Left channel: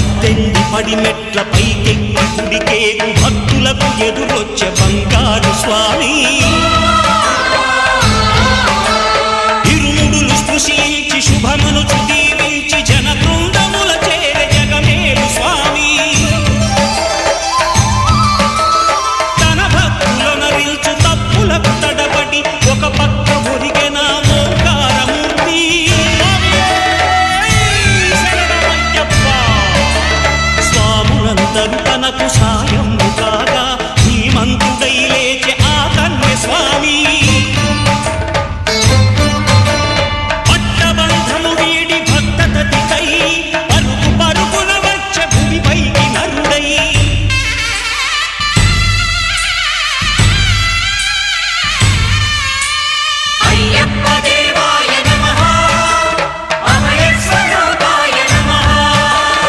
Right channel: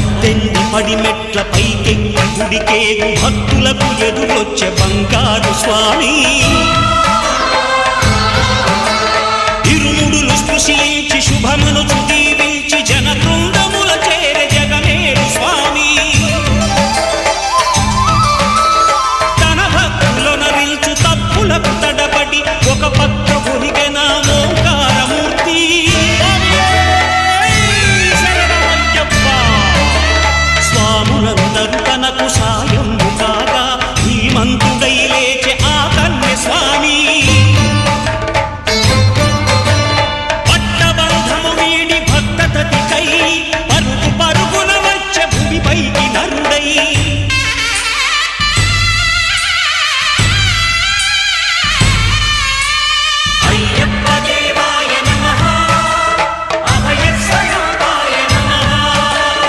పద్దెంది పడిమెట్ల పైకెక్కి గుడికేగు భక్తులకు ఎదురొచ్చే బంగారు స్వామి ఇరుముడులు స్పృశించి శుభమనుచు దీవించి జన బృందముల చేరే జగమేలు స్వామి తన భక్తులొనరిల్చు తప్పులకు తడబడి ఒక పక్క ఒరిగెన ఓంకారమూర్తి స్వాములందరూ తనకు సాయము కాగా ధీమంతుడై లేచే ఆ కన్య స్వామి పట్టబంధము వీడి భక్తతతికై పరుగు పరుగున వచ్చే భూమిపైకి నరుడై